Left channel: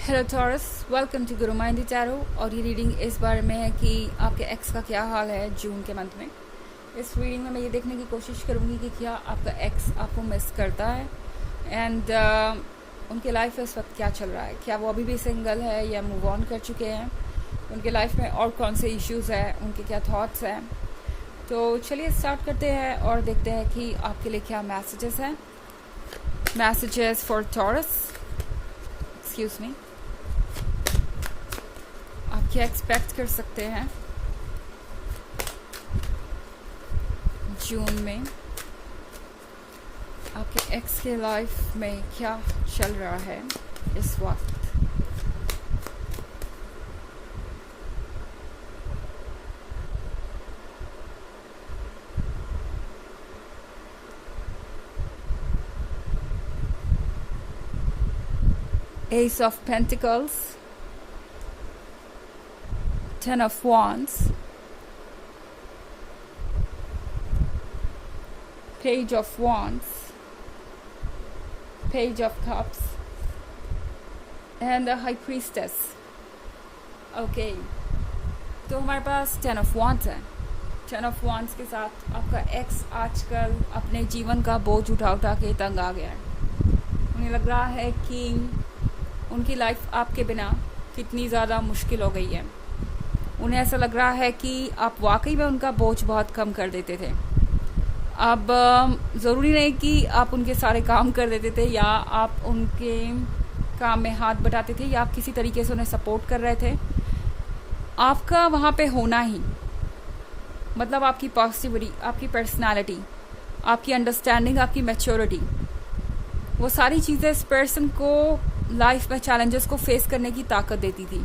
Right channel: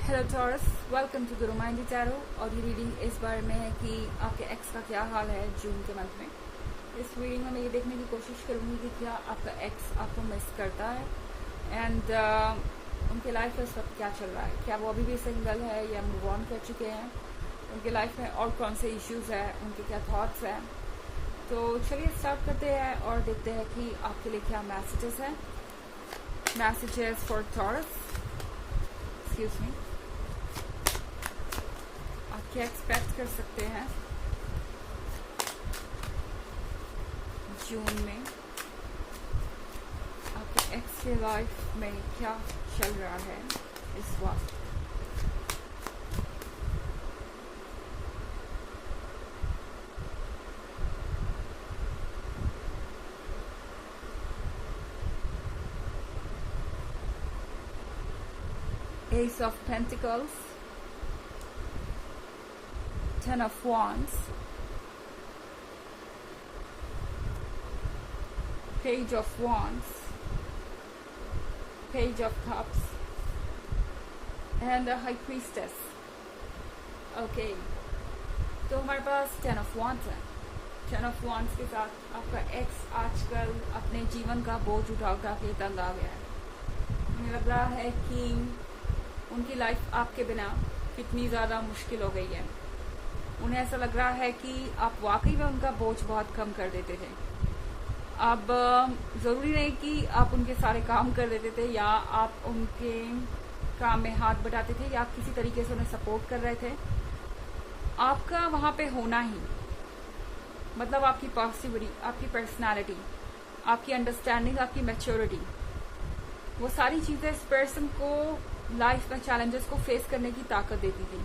Hello taurus, welcome to Guru माइंडी tarot. और ये reading इस बारे में है कि आपके एक्स का क्या हाल है जून के मंथ में। इस रीडिंग में मैं ये देखने की कोशिश करूँगी कि क्या आपका एक्स आपको मिस करता है एंड उनके लाइफ में इस वक्त क्या चल रहा है। क्या वो अभी भी सिंगल है या मूव ऑन कर चुके हैं, उनके लाइफ में और कौन से इश्यूज़ हैं, उनके क्या थॉट्स हैं। तो चलिए स्टार्ट करते हैं और देखते हैं कि आपके लिए क्या मैसेजेस हैं। Messages for taurus, excuse me. आप क्या एक्सपेक्ट कर सकते हैं जून में, आपके एक्स के लाइफ में क्या चल रहा है इस वक्त। Ace of Pentacles, Ten of Wands, Page of Wands, Page of Cups, and the High Priestess. Okay, तो हमारे पास Ten of Wands है। Ten of Wands के साथ आपका एक्स आजकल अपने जीवन का बोझ उठा उठा के तंग आ गया है। उन्हें लग रहा है कि उनकी लाइफ आपके बिना कितनी ज़्यादा मुश्किल हो गई है। उन्हें ऐसा लग रहा है कि आप वाकई में उनका बोझ बहुत कम कर देते थे। अब ज़रूरी नहीं कि आप उनके सारे काम कर देते थे या आप उनके काम में हाथ बटाते थे या आप किसी तरीके से उन्हें सपोर्ट कर रहे थे। आपका वहाँ पे होना ही मतलब आपकी पॉजिटिविटी, आपकी पर्सनालिटी, आपकी अंडरस्टैंडिंग, आपकी मैच्योरिटी, वो सारी चीज़ें इस पर्सन को लाइफ में चैलेंजेस को फेस करने की ताकत देती थी।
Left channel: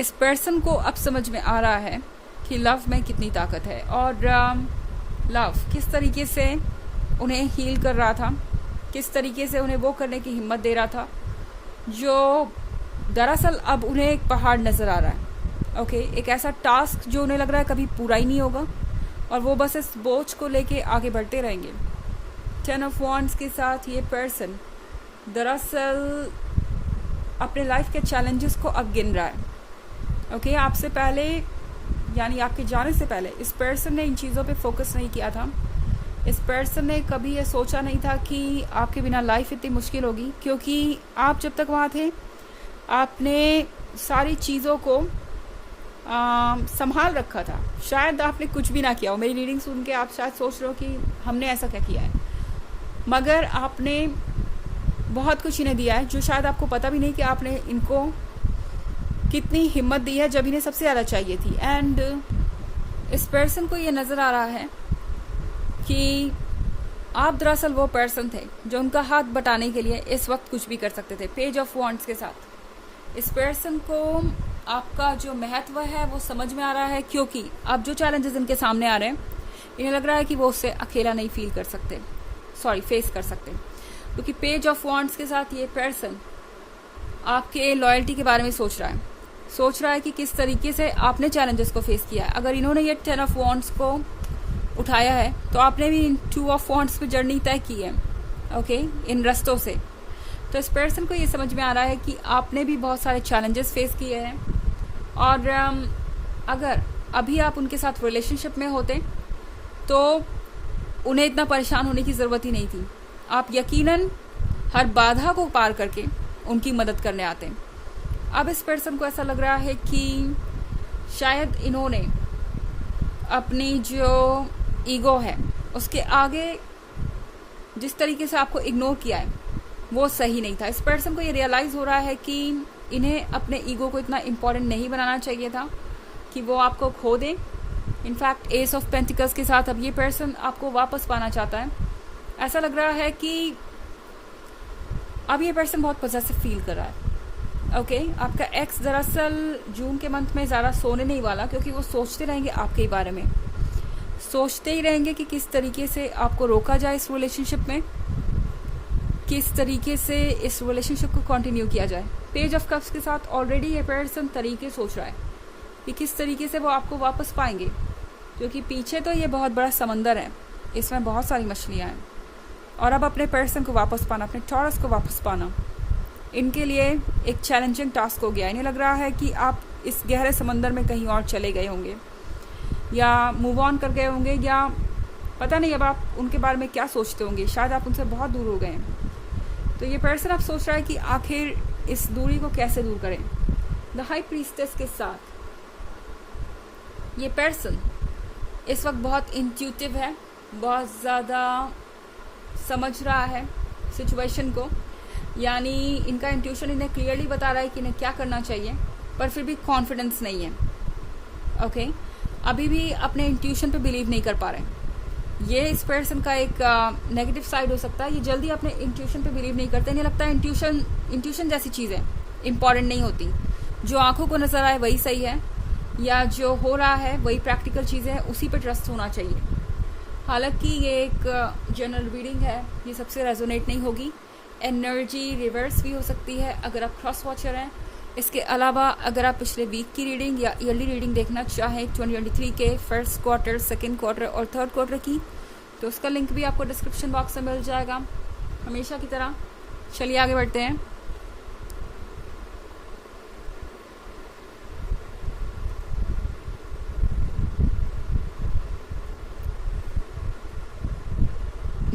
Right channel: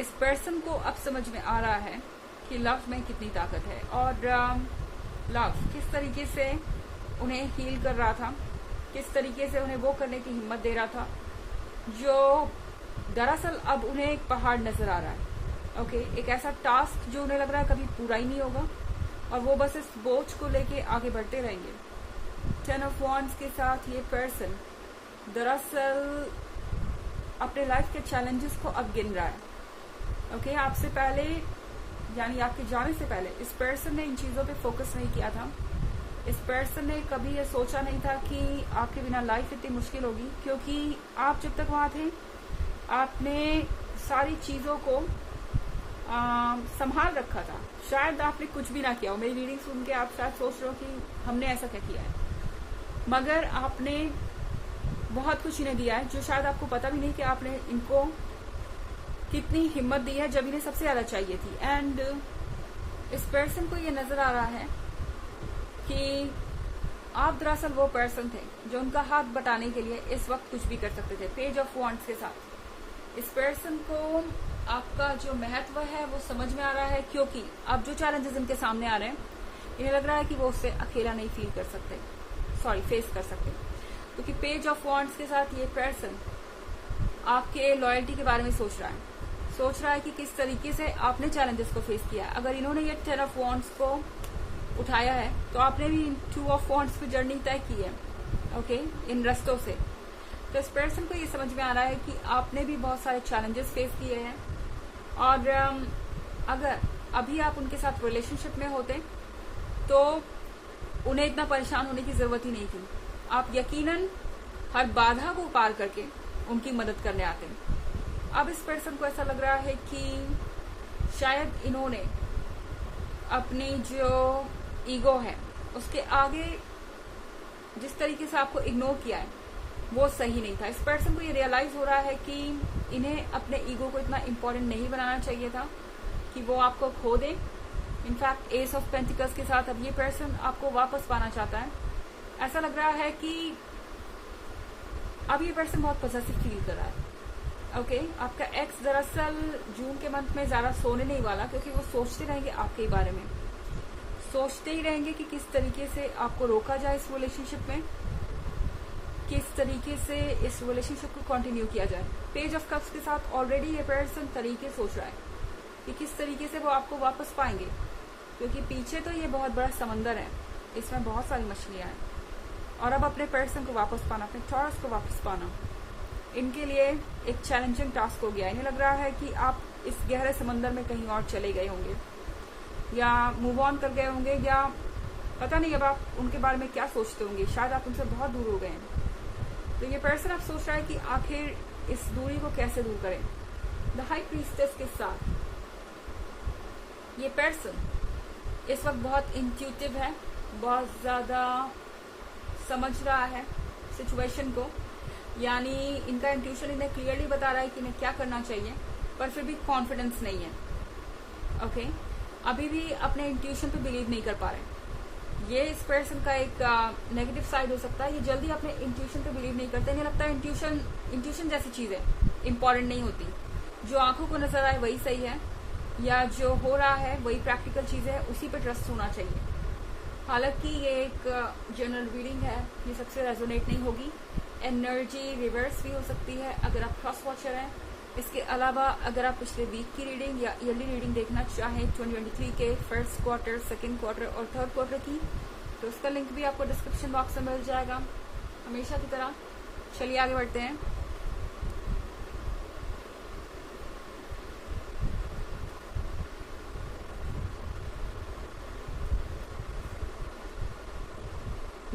इस पर्सन को अब समझ में आ रहा है कि लव में कितनी ताकत है और लव किस तरीके से उन्हें हील कर रहा था, किस तरीके से उन्हें वो करने की हिम्मत दे रहा था जो दरअसल अब उन्हें एक पहाड़ नज़र आ रहा है। ओके, एक ऐसा टास्क जो उन्हें लग रहा है कभी पूरा ही नहीं होगा और वो बस इस बोझ को लेके आगे बढ़ते रहेंगे। टेन ऑफ वॉन्ड्स के साथ ये पर्सन दरअसल अपने लाइफ के चैलेंजेस को अब गिन रहा है। ओके, आपसे पहले यानी आपके जाने से पहले इस पर्सन ने इन चीज़ों पे फोकस नहीं किया था। इस पर्सन ने कभी ये सोचा नहीं था कि आपके बिना लाइफ इतनी मुश्किल होगी, क्योंकि आप जब तक वहाँ थे आपने सारी चीज़ों को संभाल रखा था। शायद आपने कुछ भी ना किया हो। मेरी रीडिंग सुन के आप शायद सोच रहे हो कि हमने ऐसा क्या किया है, मगर आपने बहुत कुछ इन्हें दिया है जो शायद आपको पता भी नहीं कि आपने इनको कितनी हिम्मत दी है जब इन्हें सबसे ज़्यादा चाहिए थी। एंड इस पर्सन को ये नज़र आ रहा है कि आप दरअसल वो पर्सन थे जो उनका हाथ बटाने के लिए इस वक्त कुछ भी कर सकते थे। पेज ऑफ वॉन्ड्स के साथ इस पर्सन को आपका जो महत्व है वो समझ में आ रहा है, क्योंकि अब जो चैलेंजेस इनके सामने आ रहे हैं इन्हें लग रहा है कि वो उससे अकेला नहीं फील कर सकते, फेस कर सकते, क्योंकि पेज ऑफ वॉन्ड्स के साथ ये पर्सन आपके लॉयल्टी के बारे में सोच रहा है कि किस तरीके से आपने चैलेंजेस को फेस किया है। अगर इन्होंने ये टेन ऑफ वॉन्ड्स को उठाया है तो आपने भी इन टू ऑफ वॉन्ड्स की जर्नी तय की है। ओके, इन रास्तों से तो इस पर्सन को ये समझ में आ रहा है कि आपने भी बहुत सारे चैलेंजेस फेस किए हैं और अगर अभी आप उनके साथ रिलेशनशिप में होते तो उन्हें इतना परेशान होने की ज़रूरत ही नहीं थी। आप यकीनन हर बाधा को पार करके उनकी मदद करने आते हैं। अब इस पर्सन को ऐसा लग रहा है कि शायद इन्होंने अपनी जो ईगो है उसके आगे जिस तरीके से आपको इग्नोर किया है वो सही नहीं था। इस पर्सन को ये रियलाइज़ हो रहा है कि इन्हें अपने ईगो को इतना इम्पोर्टेंट नहीं बनाना चाहिए था कि वो आपको खो दे। इनफैक्ट एस ऑफ पेंटिकल्स के साथ अब ये पर्सन आपको वापस पाना चाहता है। ऐसा लग रहा है कि अब ये पर्सन बहुत पॉजिटिव फील कर रहा है। ओके, आपका एक्स दरअसल जून के मंथ में ज़्यादा सोने नहीं वाला, क्योंकि वो सोचते रहेंगे आपके ही बारे में, सोचते ही रहेंगे कि किस तरीके से आपको रोका जाए इस रिलेशनशिप में, किस तरीके से इस रिलेशनशिप को कंटिन्यू किया जाए। पेज ऑफ कप्स के साथ ऑलरेडी ये पर्सन तरीके सोच रहा है कि किस तरीके से वो आपको वापस पाएंगे, क्योंकि पीछे तो ये बहुत बड़ा समंदर है, इसमें बहुत सारी मछलियाँ हैं और अब अपने पर्सन को वापस पाना, अपने टॉरस को वापस पाना इनके लिए एक चैलेंजिंग टास्क हो गया। इन्हें लग रहा है कि आप इस गहरे समंदर में कहीं और चले गए होंगे या मूव ऑन कर गए होंगे, या पता नहीं अब आप उनके बारे में क्या सोचते होंगे, शायद आप उनसे बहुत दूर हो गए हैं। तो ये पर्सन अब सोच रहा है कि आखिर इस दूरी को कैसे दूर करें। द हाई प्रीस्टेस के साथ ये पर्सन इस वक्त बहुत इंट्यूटिव है, बहुत ज़्यादा समझ रहा है सिचुएशन को, यानी इनका इंट्यूशन इन्हें क्लियरली बता रहा है कि इन्हें क्या करना चाहिए, पर फिर भी कॉन्फिडेंस नहीं है। ओके, अभी भी अपने इंट्यूशन पे बिलीव नहीं कर पा रहे। ये इस पर्सन का एक नेगेटिव साइड हो सकता है। ये जल्दी अपने इंट्यूशन पे बिलीव नहीं करते। इन्हें लगता है इंट्यूशन जैसी चीज़ है, इंपॉर्टेंट नहीं होती। जो आंखों को नजर आए वही सही है, या जो हो रहा है वही प्रैक्टिकल चीज़ है, उसी पे ट्रस्ट होना चाहिए। हालांकि ये एक जनरल रीडिंग है, ये सबसे रेजोनेट नहीं होगी। एनर्जी रिवर्स भी हो सकती है अगर आप क्रॉस वॉचर हैं। इसके अलावा अगर आप पिछले वीक की रीडिंग या ईयरली रीडिंग देखना चाहें 2023 के फर्स्ट क्वार्टर, सेकेंड क्वार्टर और थर्ड क्वार्टर की, तो उसका लिंक भी आपको डिस्क्रिप्शन बॉक्स में मिल जाएगा। हमेशा की तरह चलिए आगे बढ़ते हैं।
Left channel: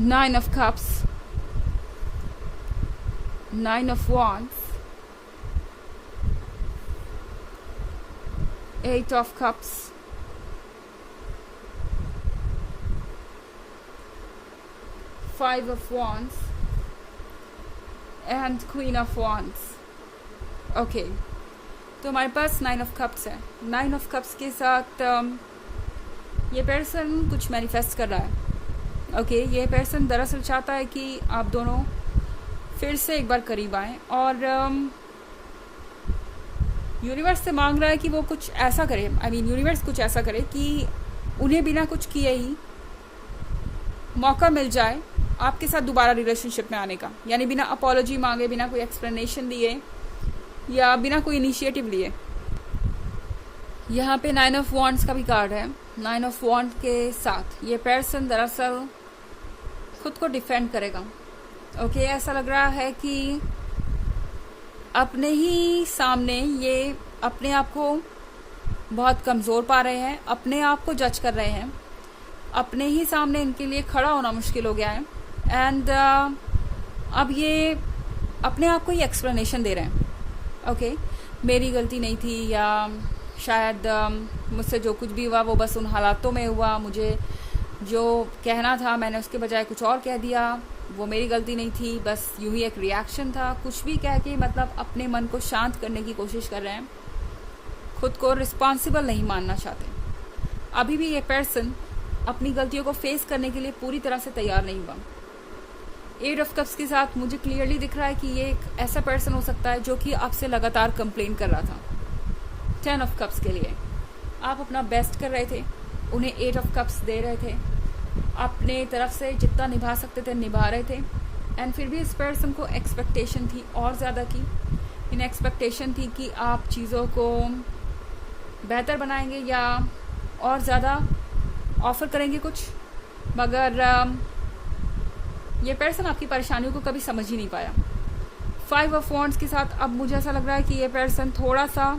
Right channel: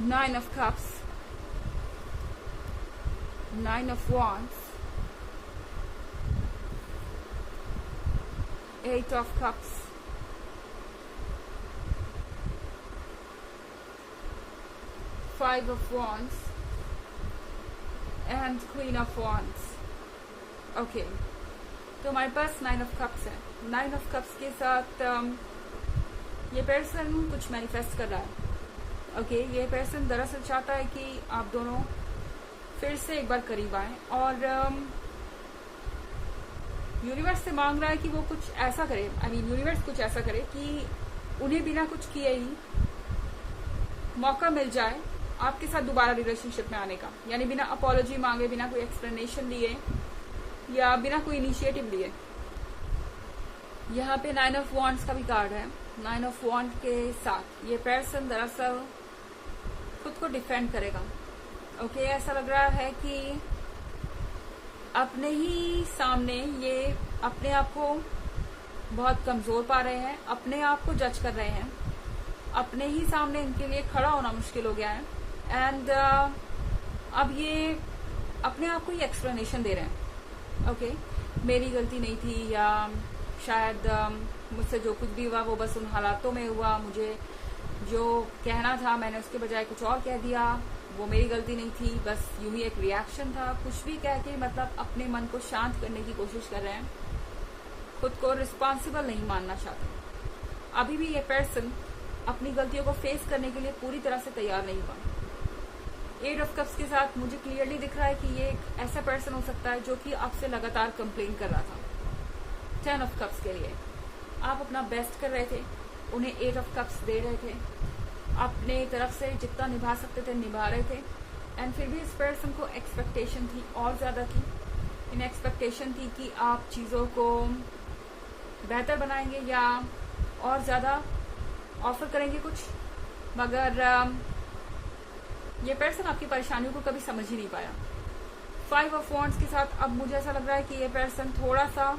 Nine of Cups, Nine of Wands, Eight of Cups, Five of Wands and Queen of Wands. Okay, तो हमारे पास Nine of Cups है। Nine of Cups के साथ ये पर्सन कुछ मैनिफेस्ट कर रहा है। ओके, ये पर्सन दरअसल चाहता है कि आप दोनों फिर से एक बार करीब आएँ, और यूनिवर्स से मांग रहा है कि वो कुछ ऐसा करे, यूनिवर्स कुछ ऐसा करे कि उन्हें बिना कुछ किए ही मौका मिल जाए आपके साथ दोबारा रिलेशनशिप में आने का, यानी बिना अपॉलॉजी मांगे, बिना कोई एक्सप्लेनेशन दिए या बिना कोई इनिशिएटिव लिए। यहाँ पे 9 ऑफ वॉन्ड्स का भी कार्ड है। 9 ऑफ वॉन्ड के साथ ये पर्सन दरअसल खुद को डिफेंड करेगा। ओके, ऐसा लग रहा है कि अपने ही सामने ये अपने आप को बहुत कमज़ोर पा रहे हैं, अपने आप को जज कर रहे हैं, अपने ही सामने इनके लिए खड़ा होना मुश्किल हो गया है। एंड अब ये अपने आप को ही एक्सप्लेनेशन दे रहे हैं। ओके, मेरी गलती नहीं थी, या शायद मुझसे जो कुछ भी हुआ वो बस उन हालातों में हुआ, मुझे जो कहना था मैंने उसके बजाय कुछ और कह दिया, वो मेरी गलती नहीं थी, बस यूं ही एक रिएक्शन था। कुछ भी कह के मतलब अपने मन को शांत करने की कोशिश कर रहे हैं, खुद को रिस्पॉन्सिबल नहीं मानना चाहते। अभी भी ये पर्सन अपनी गलतियों को फेस करने के लिए पूरी तरह से तैयार नहीं हुआ। 8 ऑफ कप्स के साथ मुझे क्लियरली दिख रहा है कि ये एक ऐसा पर्सन हो सकता है जो कि आपसे लगातार कंप्लेन कर रहा था। 10 ऑफ कप्स के लिए आप अपना बेस्ट कर रहे थे, उन्हें 8 ऑफ कप्स दे रहे थे, अपने तरफ से जितना निभा सकते थे निभा रहे थे। एंड फिर भी इस पर्सन को एक्सपेक्टेशन थी और ज़्यादा की। इन एक्सपेक्टेशन थी कि आप चीज़ों को बेहतर बनाएंगे या और ज़्यादा ऑफर करेंगे कुछ, मगर ये पर्सन आपकी परेशानियों को कभी समझ ही नहीं पाया। 5 ऑफ वॉन्ड्स के साथ अब मुझे ऐसा लग रहा है कि ये पर्सन थोड़ा सा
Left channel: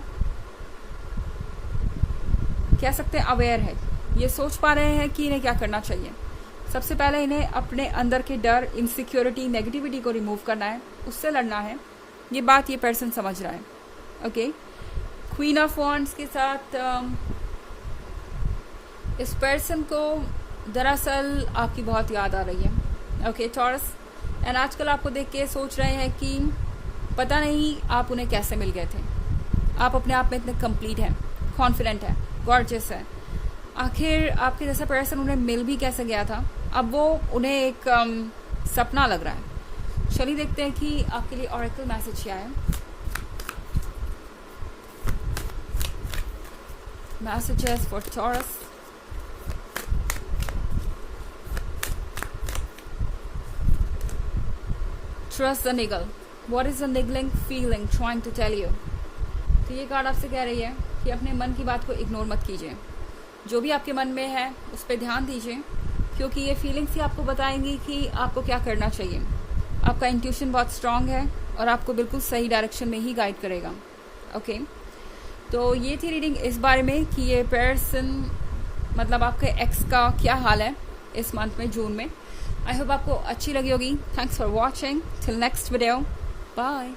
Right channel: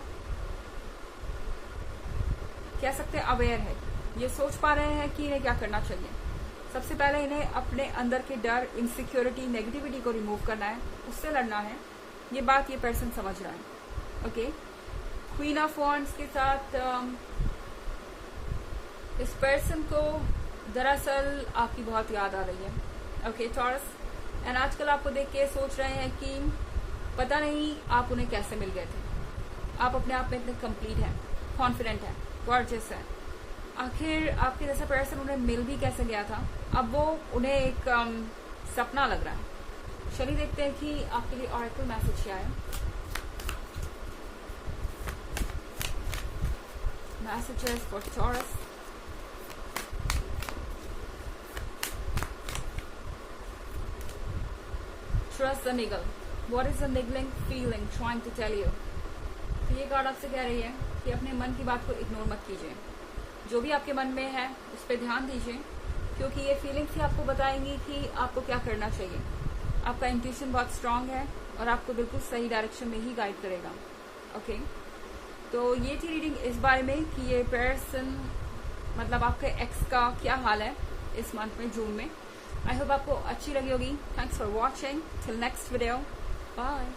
कह सकते हैं अवेयर है। ये सोच पा रहे हैं कि इन्हें क्या करना चाहिए। सबसे पहले इन्हें अपने अंदर के डर, इनसिक्योरिटी, नेगेटिविटी को रिमूव करना है, उससे लड़ना है। ये बात ये पर्सन समझ रहा है। ओके, क्वीन ऑफ वॉन्ड्स के साथ इस पर्सन को दरअसल आपकी बहुत याद आ रही है। ओके टॉरस, एंड आजकल आपको देख के सोच रहे हैं कि पता नहीं आप उन्हें कैसे मिल गए थे। आप अपने आप में इतने कंप्लीट हैं, कॉन्फिडेंट हैं, गॉर्जियस है। आखिर आपके जैसा पर्सन उन्हें मिल भी कैसे गया था। अब वो उन्हें एक सपना लग रहा है। चलिए देखते हैं कि आपके लिए ऑरेकल मैसेज क्या है। Messages for Taurus. Trust the niggle. What is the niggling feeling trying to tell you. तो ये कार्ड आपसे कह रही है कि अपने मन की बात को इग्नोर मत कीजिए। जो भी आपके मन में है उस पर ध्यान दीजिए, क्योंकि ये फीलिंग्स ही आपको बताएंगी कि आपको क्या करना चाहिए। आपका इंट्यूशन बहुत स्ट्रांग है और आपको बिल्कुल सही डायरेक्शन में ही गाइड करेगा। ओके, तो ये थी रीडिंग इस बारे में कि ये पर्सन मतलब आपके एक्स का क्या हाल है इस मंथ में, जून में। आई होप आपको अच्छी लगी होगी। Thanks for watching, till next video, bye.